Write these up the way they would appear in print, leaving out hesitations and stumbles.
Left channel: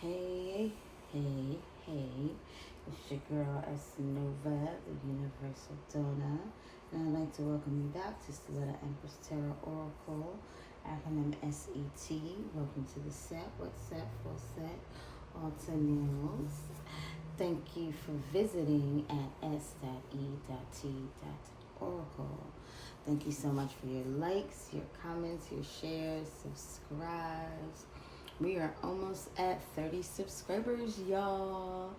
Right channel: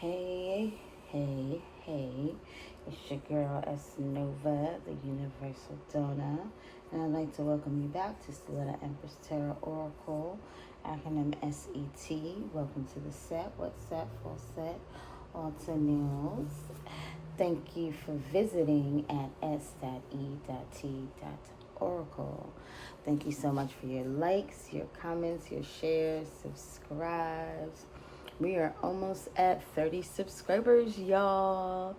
Hey, hey, hey. It's your girl S. Nova, the Universal Donor. And I'd like to welcome you back to Stiletto Empress Tarot Oracle, acronym S.E.T. Welcome to the set. What's that for set? Alta Nails. Thank you for visiting at S.E.T.Oracle. Thank you so much for your likes, your comments, your shares, subscribes. We are almost at 30 subscribers, y'all.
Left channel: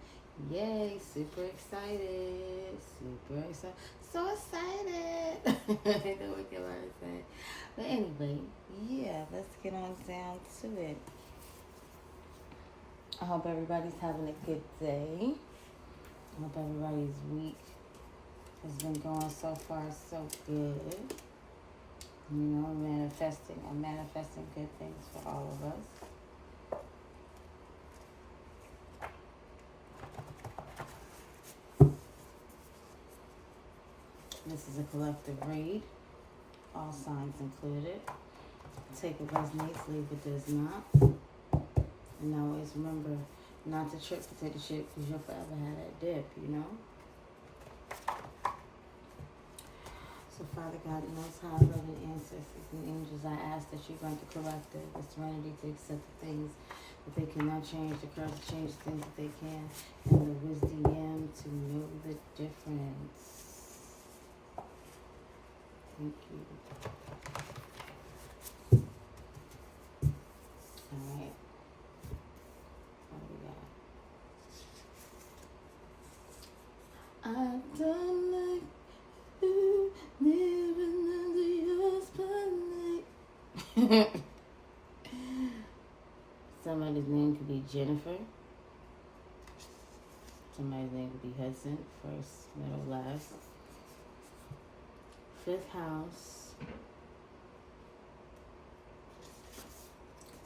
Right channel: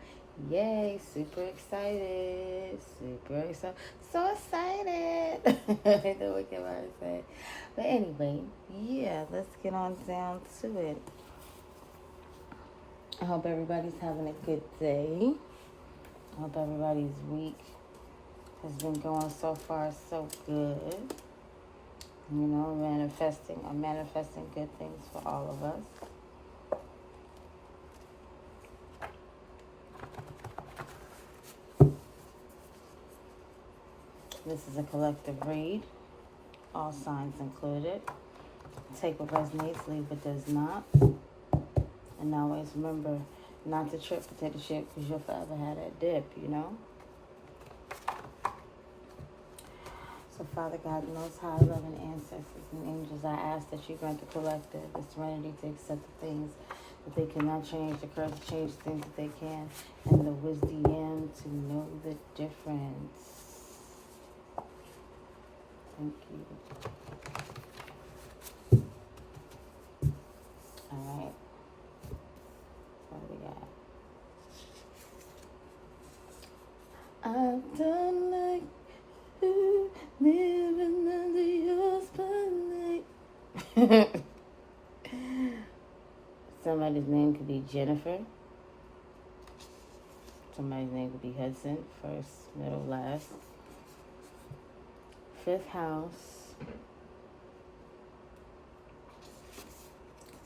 Yay, super excited. Super excited. So excited. I know what can I say. But anyway, yeah, let's get on down to it. I hope everybody's having a good day. I hope everybody's week has been going so far so good. You know, I'm manifesting good things for all of us. This is a collective read, all signs included. Take what resonates, leave what does not. And always remember not to trip or take a shit, because you'll forever have that dip, you know? So Father God, Most High, loving ancestors and angels, I ask that you grant the collective the serenity to accept the things that they cannot change, the courage to change the things that they can, and the wisdom to know the difference. Thank you. Alright. What do we got? I don't like you living under your spotlight. Somebody's name could be Jennifer. Somebody's name could be Hudson. First, middle, last. Fifth house,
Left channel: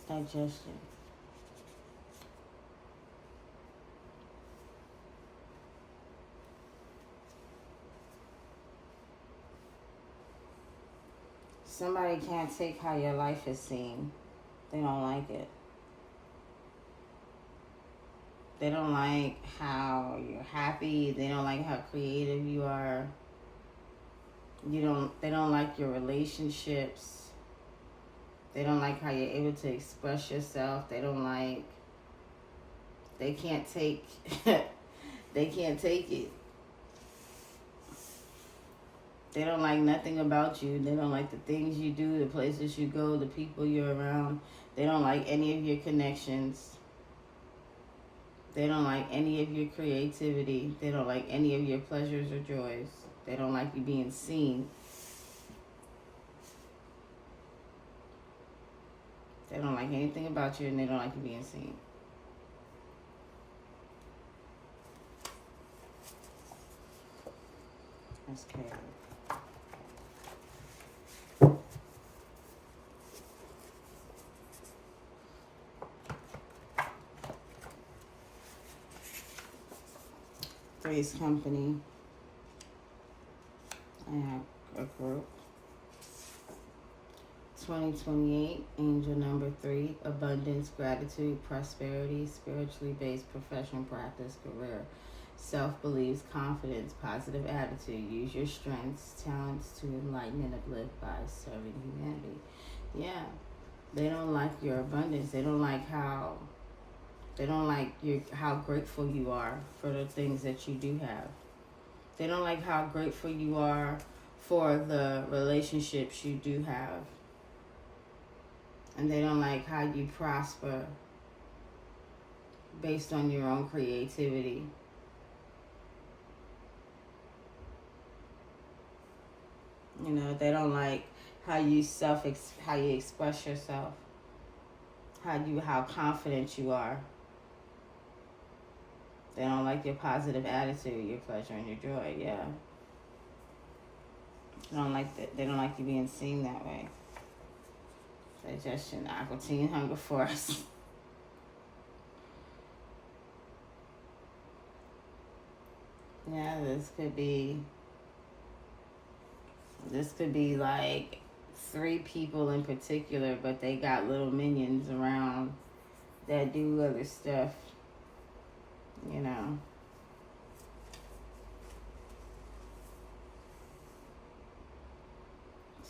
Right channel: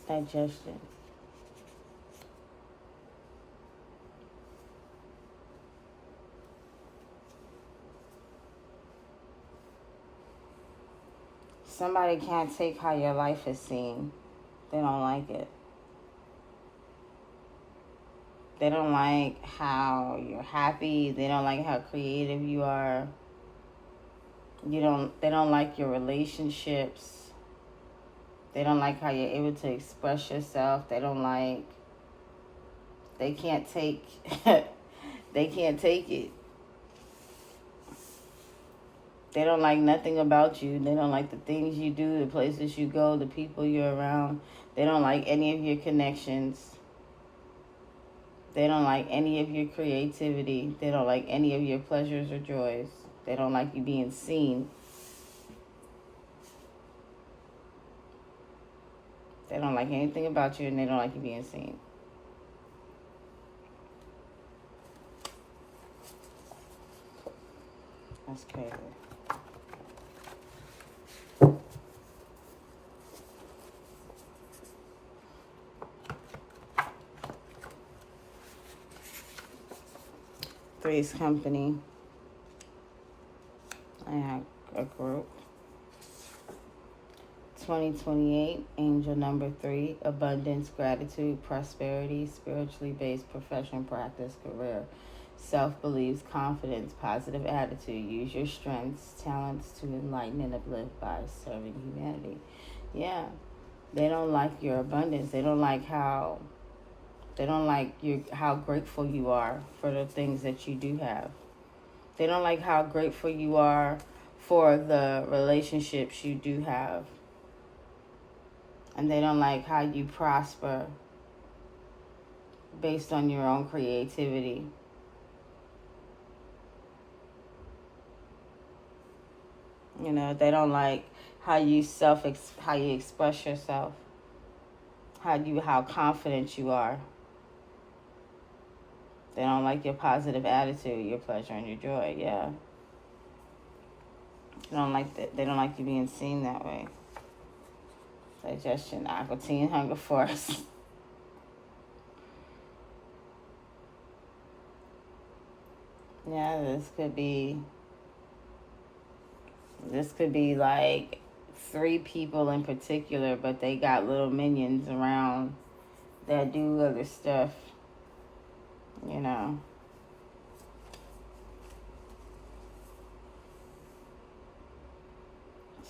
digestion. Somebody can't take how your life is seen. They don't like it. They don't like how you're happy. They don't like how creative you are. They don't like your relationships. They don't like how you're able to express yourself. They can't take they can't take it. They don't like nothing about you. They don't like the things you do, the places you go, the people you're around. They don't like any of your connections. They don't like any of your creativity. They don't like any of your pleasures or joys. They don't like you being seen. They don't like anything about you, and they don't like you being seen. That's crazy. Three's company. I have a group. 2028, angel number 3, abundance, gratitude, prosperity, spiritually based profession, practice, career, self-beliefs, confidence, positive attitude. Use your strengths, talents to enlighten and uplift by serving humanity. Yeah, they don't like your abundance. They don't like how grateful you are for the things that you do have. They don't like how grateful you are for the relationships you do have. And they don't like how you prosper based on your own creativity. You know, they don't like how you express yourself, how confident you are. They don't like your positive attitude, your pleasure, and your joy. Yeah. They don't like that. They don't like you being seen that way. Digestion, aqua, teen, hunger, force. Yeah, this could be like 3 people in particular, but they got little minions around that do other stuff, you know.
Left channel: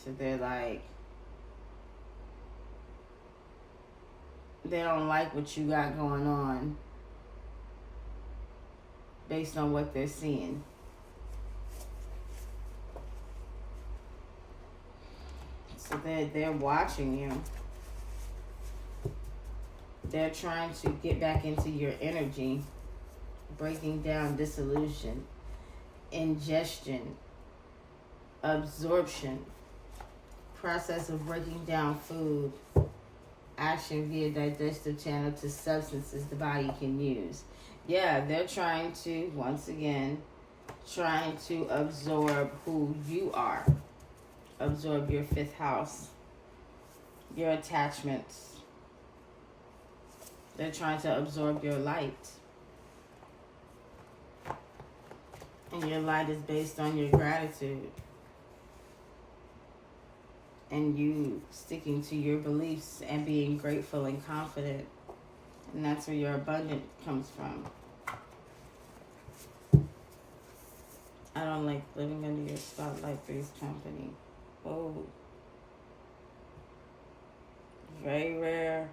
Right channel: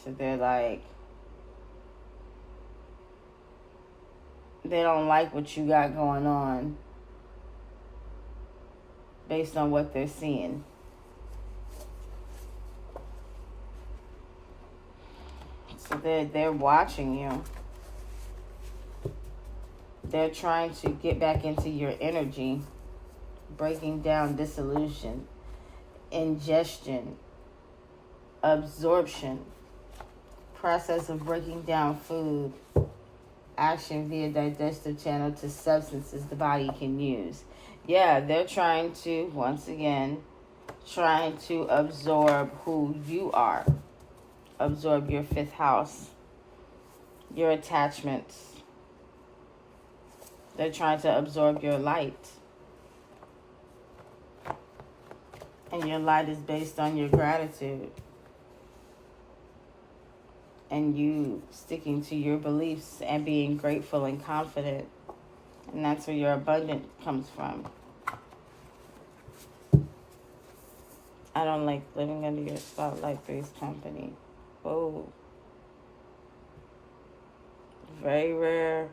So they're like, they don't like what you got going on based on what they're seeing. So they're watching you. They're trying to get back into your energy, breaking down dissolution, ingestion, absorption, process of breaking down food, action via digestive channel to substances the body can use. Yeah, they're trying to, once again, trying to absorb who you are. Absorb your fifth house, your attachments. They're trying to absorb your light. And your light is based on your gratitude. And you sticking to your beliefs and being grateful and confident. And that's where your abundance comes from. I don't like living under your spotlight, Three's Company. Oh. Very rare.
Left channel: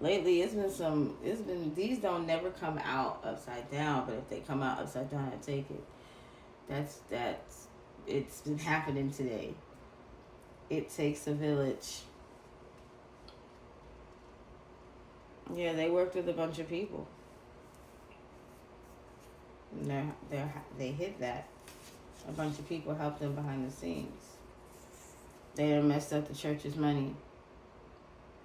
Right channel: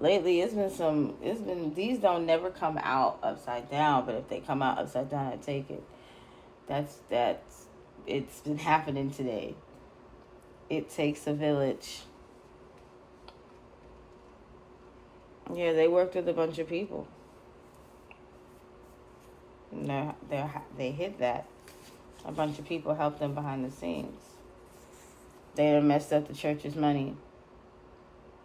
Lately, these don't never come out upside down, but if they come out upside down, I take it. It's been happening today. It takes a village. Yeah, they worked with a bunch of people. And they hid that. A bunch of people helped them behind the scenes. They done messed up the church's money.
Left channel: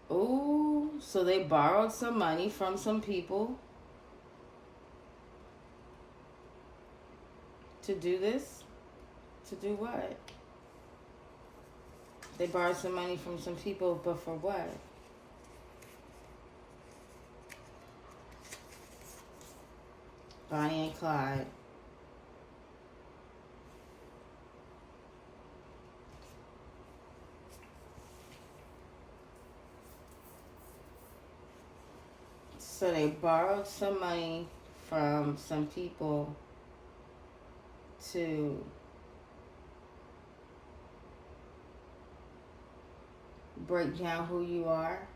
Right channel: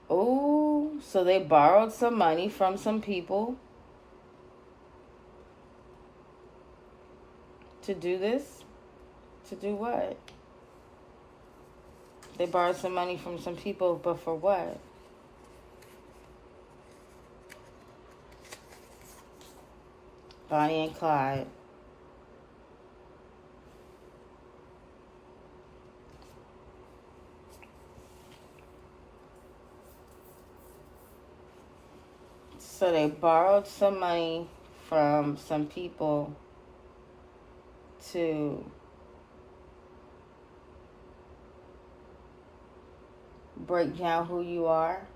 Oh, so they borrowed some money from some people to do this? To do what? They borrowed some money from some people, but for what? Bonnie and Clyde. So they borrowed some money from some people to break down who you are.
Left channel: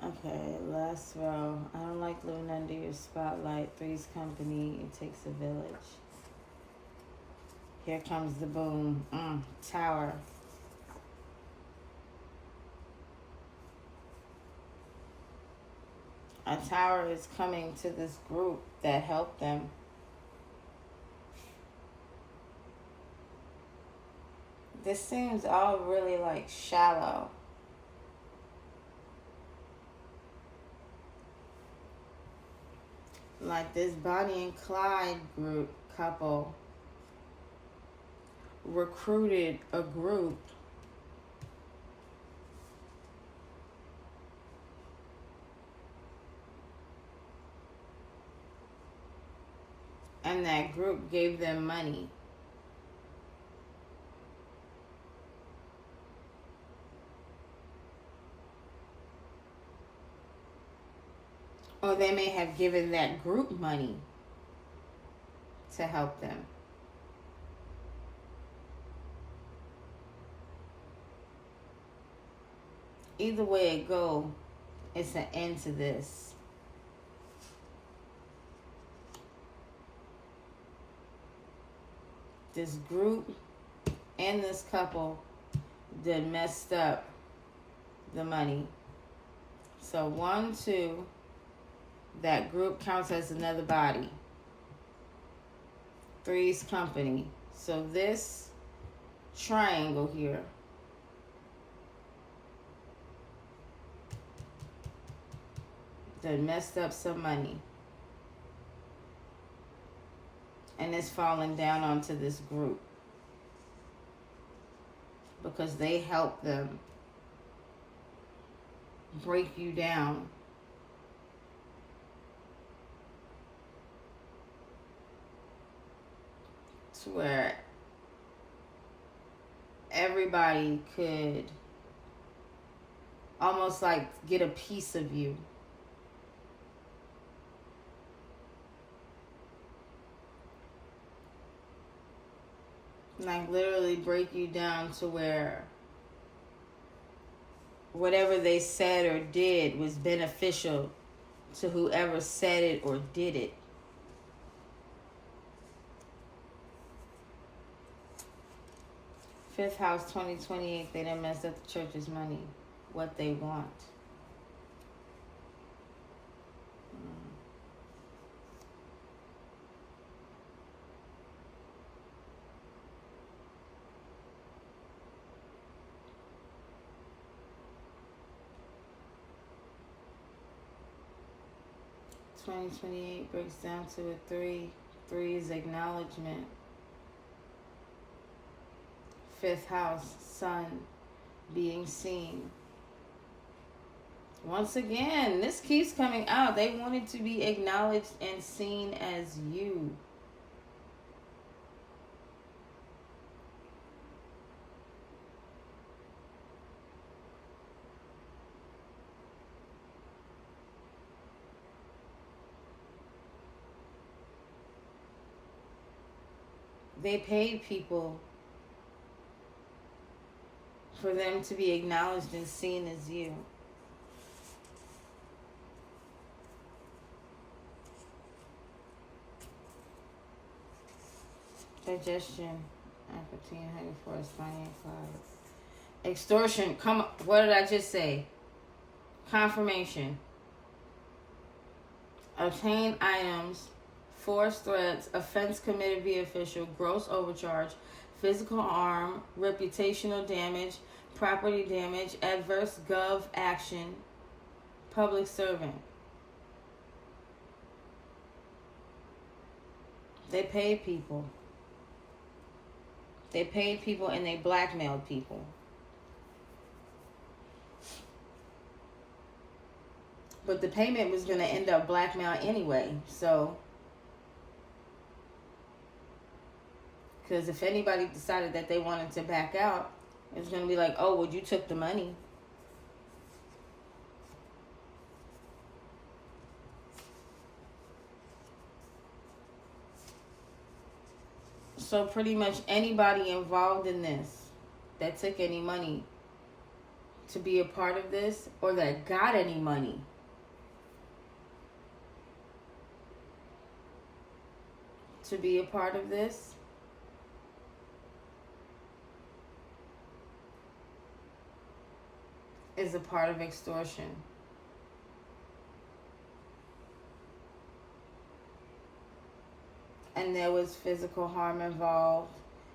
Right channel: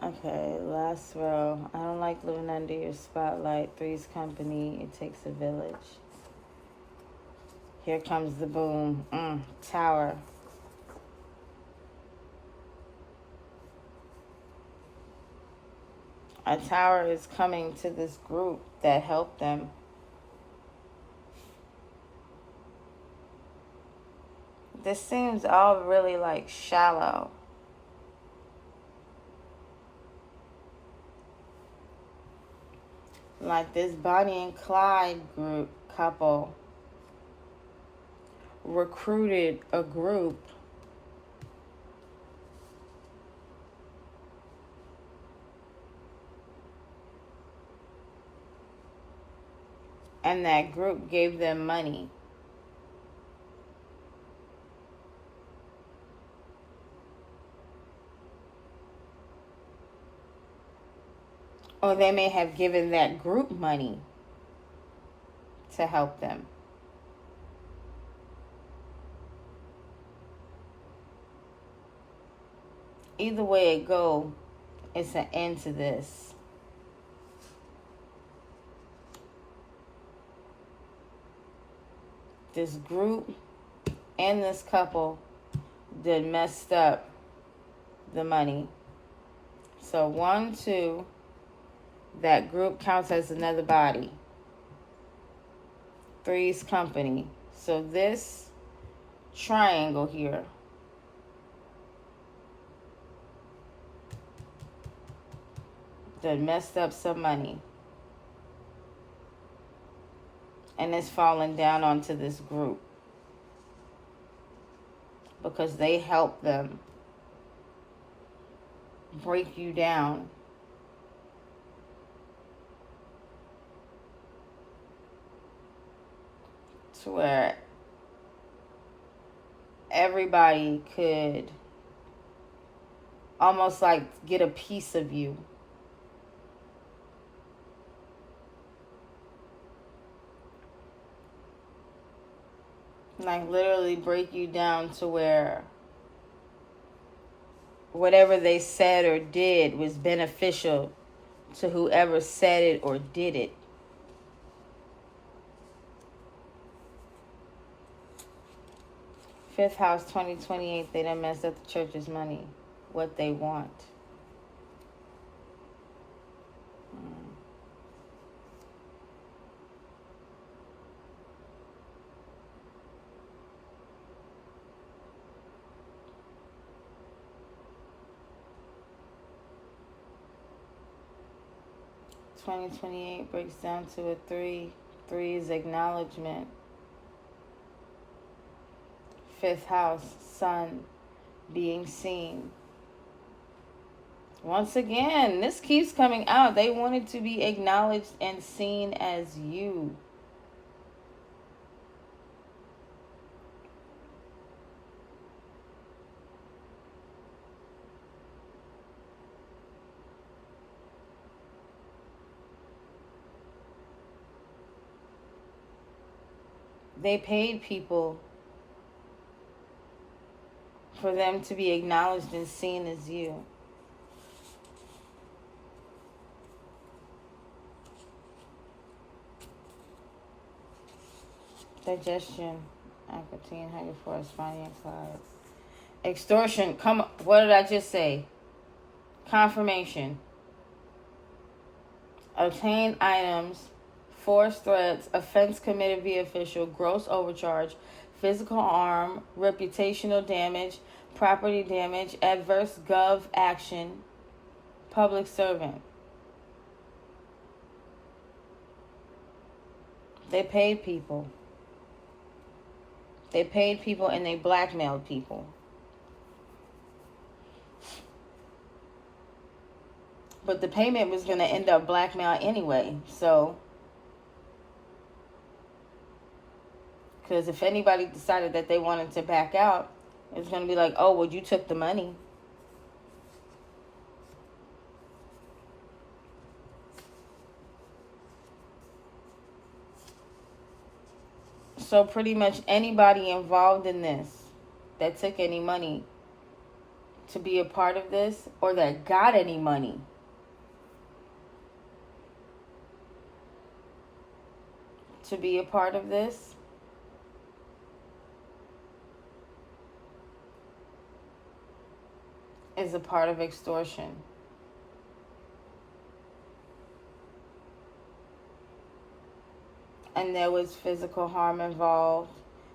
Okay, last row. I don't like living under your spotlight. Three's Company. It takes a village. Here comes the boom. Tower. A tower is coming to this group that helped them. This seems all really like shallow. Like this Bonnie and Clyde couple recruited a group and that group gave them money. Or they may have given that group money to help them. Either way it go, it's an end to this. This group and this couple did messed up the money. So 1, 2, that group counts as another body. Three's Company. So this triangle here that messed up some money. And it's falling down onto this group. Because they helped them break you down. To where everybody could almost like get a piece of you. Like literally break you down to where whatever they said or did was beneficial to whoever said it or did it. Fifth house, 2028, they done messed up the church's money. What they want. 2028 breaks down to a 3. 3 is acknowledgement. Fifth house, sun, being seen. Once again, this keeps coming out. They wanted to be acknowledged and seen as you. They paid people for them to be acknowledged and seen as you. Digestion, Aquatine, Hydro Force, Finding Clouds. Extortion, come, what did I just say? Confirmation. Obtain items, forced threats, offense committed via official, gross overcharge, physical harm, reputational damage, property damage, adverse gov action, public servant. They paid people. They paid people and they blackmailed people. But the payment was going to end up blackmail anyway. So, because if anybody decided that they wanted to back out, it's going to be like, oh, well, you took the money. So pretty much anybody involved in this that took any money to be a part of this or that got any money to be a part of this is a part of extortion. And there was physical harm involved,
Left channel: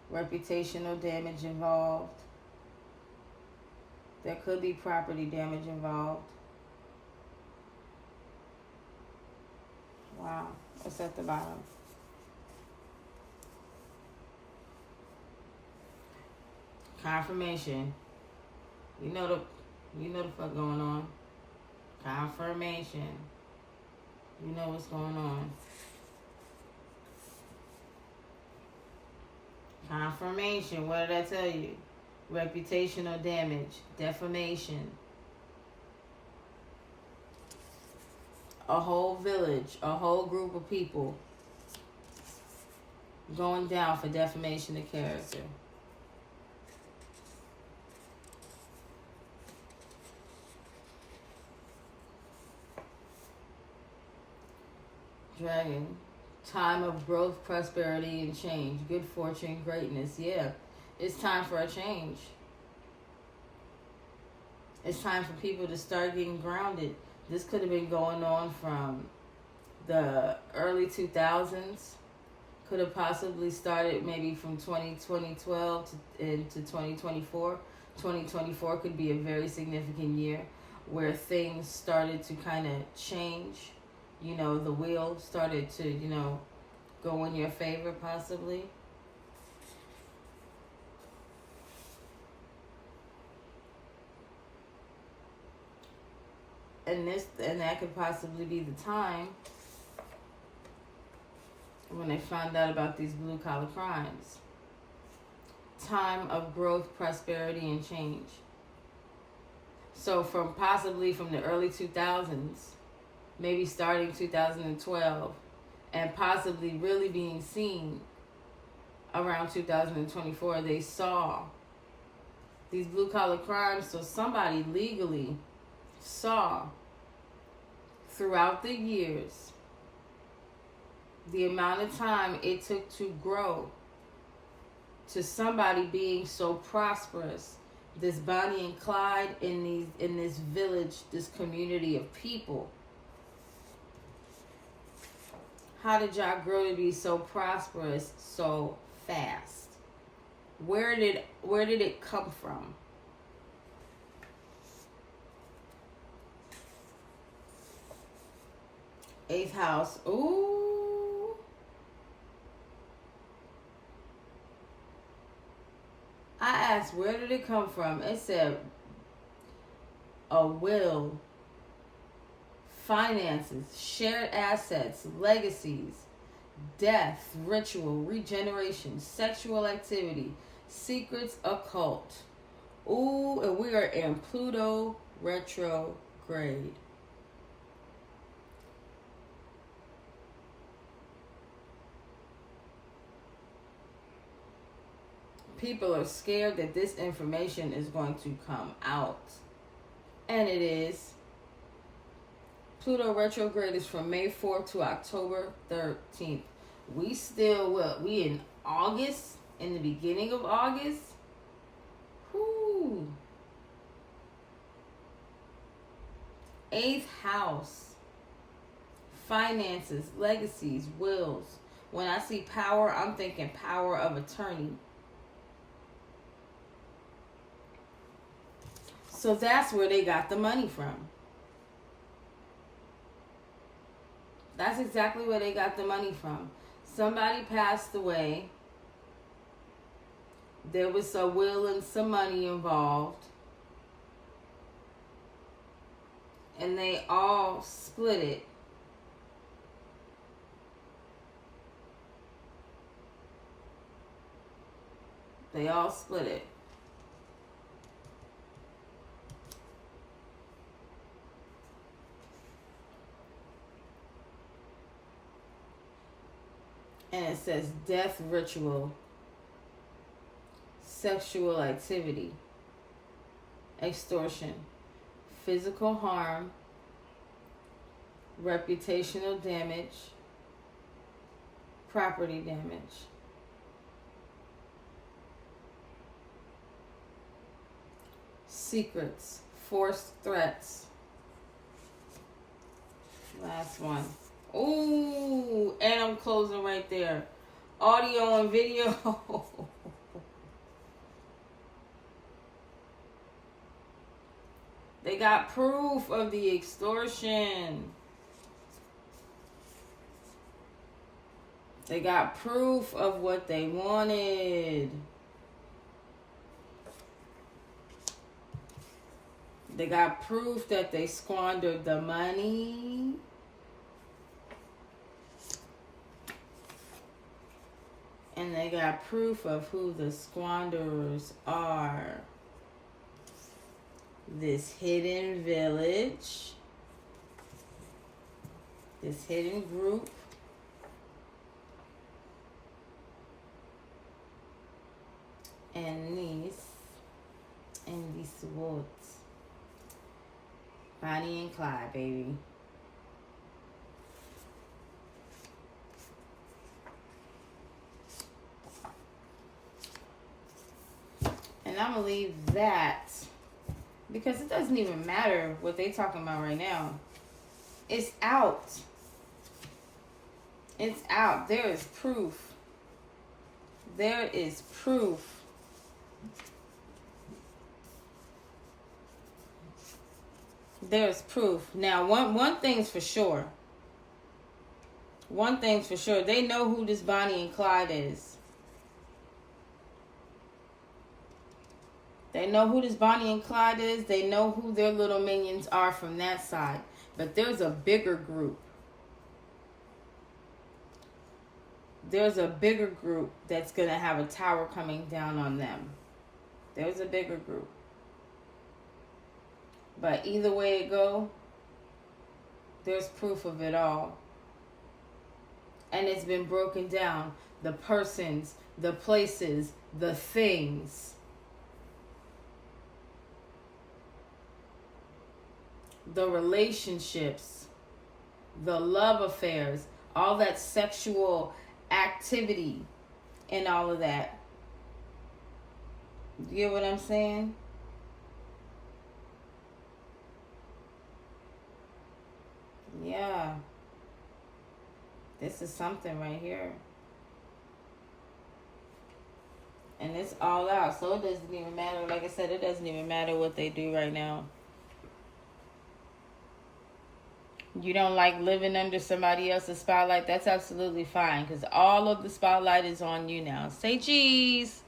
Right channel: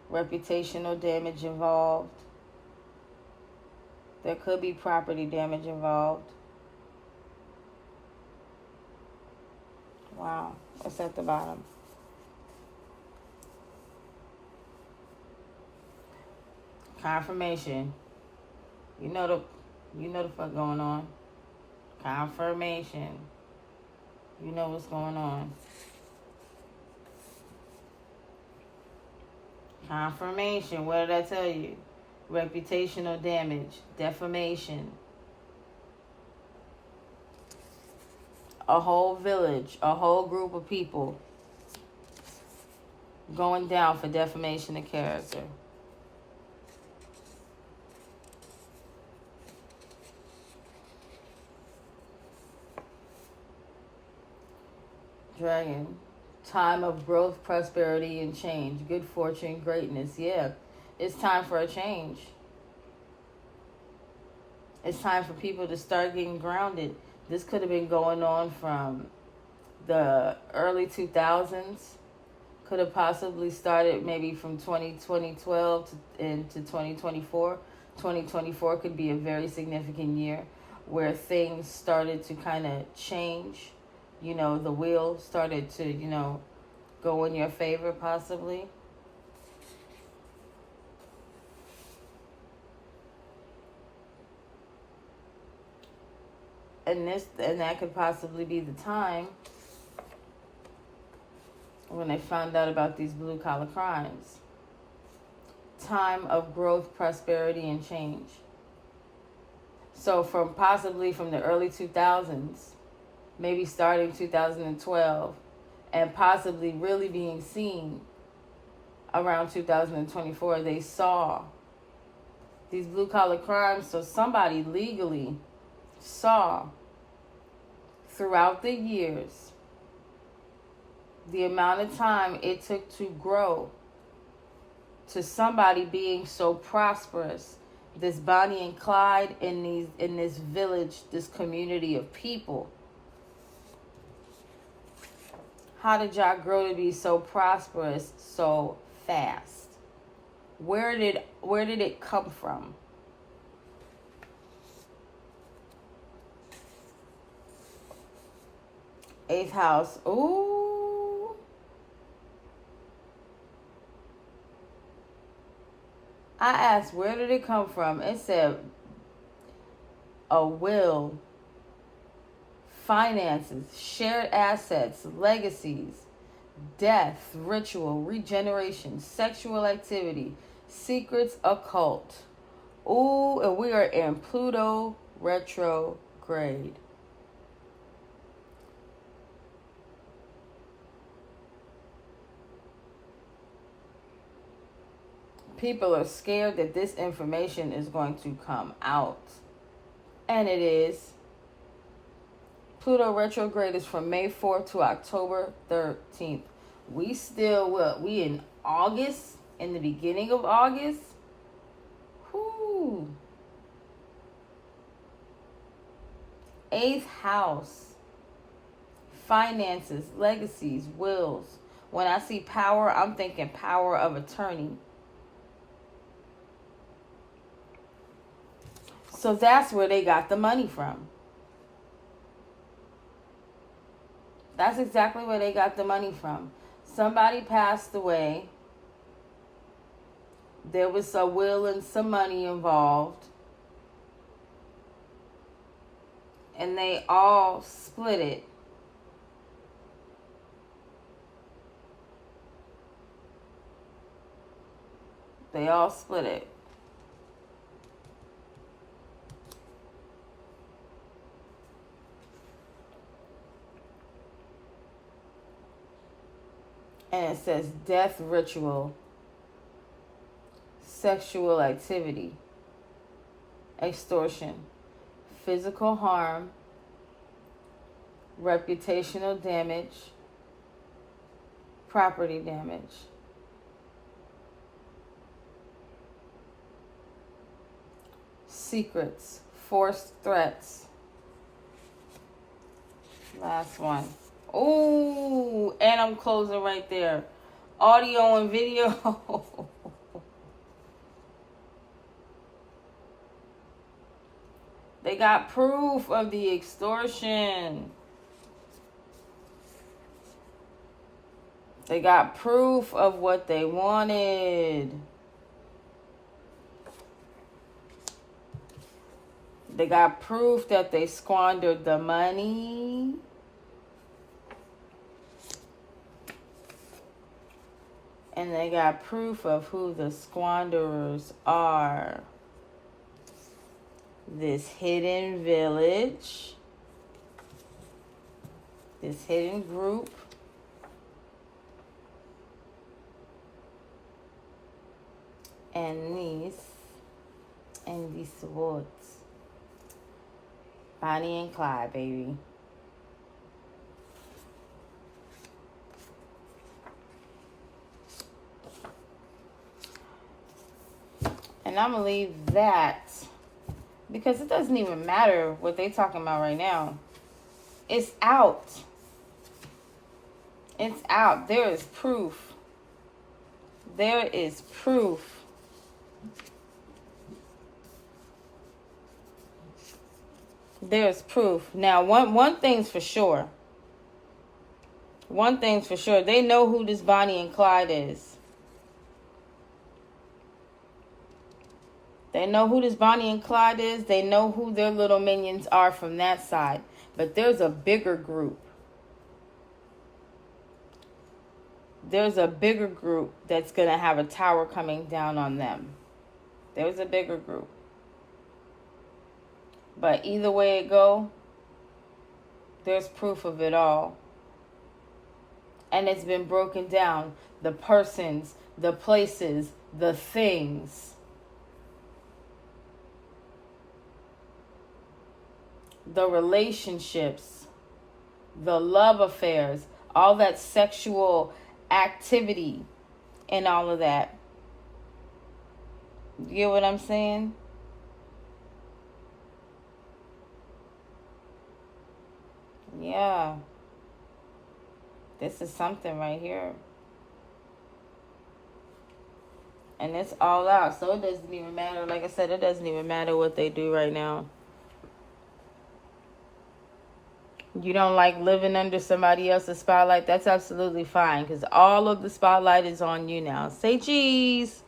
reputational damage involved. There could be property damage involved. Wow, what's at the bottom? Confirmation. You know the fuck going on. Confirmation. You know what's going on. Confirmation. What did I tell you? Reputational damage, defamation. A whole village, a whole group of people going down for defamation of character. Dragon. Time of growth, prosperity, and change. Good fortune, greatness. Yeah, it's time for a change. It's time for people to start getting grounded. This could have been going on from the early 2000s. Could have possibly started maybe from 2012 into 2024. 2024 could be a very significant year where things started to kind of change. You know, the wheel started to, you know, go in your favor possibly. And that could possibly be the time when they found out about these blue collar crimes. Time of growth, prosperity, and change. So possibly from the early 2000s, maybe starting 2012, and possibly really being seen around 2024, they saw these blue collar crimes. So somebody legally saw throughout the years the amount of time it took to grow to somebody being so prosperous, this Bonnie and Clyde in this village, this community of people. How did y'all grow to be so prosperous so fast? Where did it come from? Eighth house. Ooh. I asked, where did it come from? It said a will, finances, shared assets, legacies, death, ritual, regeneration, sexual activity, secrets, occult. Ooh, and we are in Pluto retrograde. People are scared that this information is going to come out. And it is. Pluto retrograde is from May 4th to October 13th. We in August, in the beginning of August. Whoo. Eighth house. Finances, legacies, wills. When I see power, I'm thinking power of attorney. So that's where they got the money from. That's exactly where they got the money from. Somebody passed away. There was a will and some money involved. And they all split it. They all split it. And it says death ritual, sexual activity, extortion, physical harm, reputational damage, property damage. Secrets, forced threats. Last one. Ooh, and I'm closing right there. Audio and video. They got proof of the extortion. They got proof of what they wanted. They got proof that they squandered the money. And they got proof of who the squanderers are. This hidden village. This hidden group. And these. And these swords. Bonnie and Clyde, baby. And I'm going to leave that because it doesn't even matter what they're talking about right now. It's out. It's out. There is proof. There is proof. There's proof. Now, one thing's for sure. One thing's for sure. They know who this Bonnie and Clyde is. They know who this Bonnie and Clyde is. They know who their little minions are from that side. But there's a bigger group. There's a bigger group that's going to have a tower coming down on them. There's a bigger group. But either way it go, there's proof of it all. And it's been broken down. The persons, the places, the things. The relationships, the love affairs, all that sexual activity and all of that. You get what I'm saying? Yeah. This is something right here. And it's all out. So it doesn't even matter. Like I said, it doesn't even matter what they do right now. You don't like living under somebody else's spotlight, that's absolutely fine. Because all of the spotlight is on you now. Say cheese.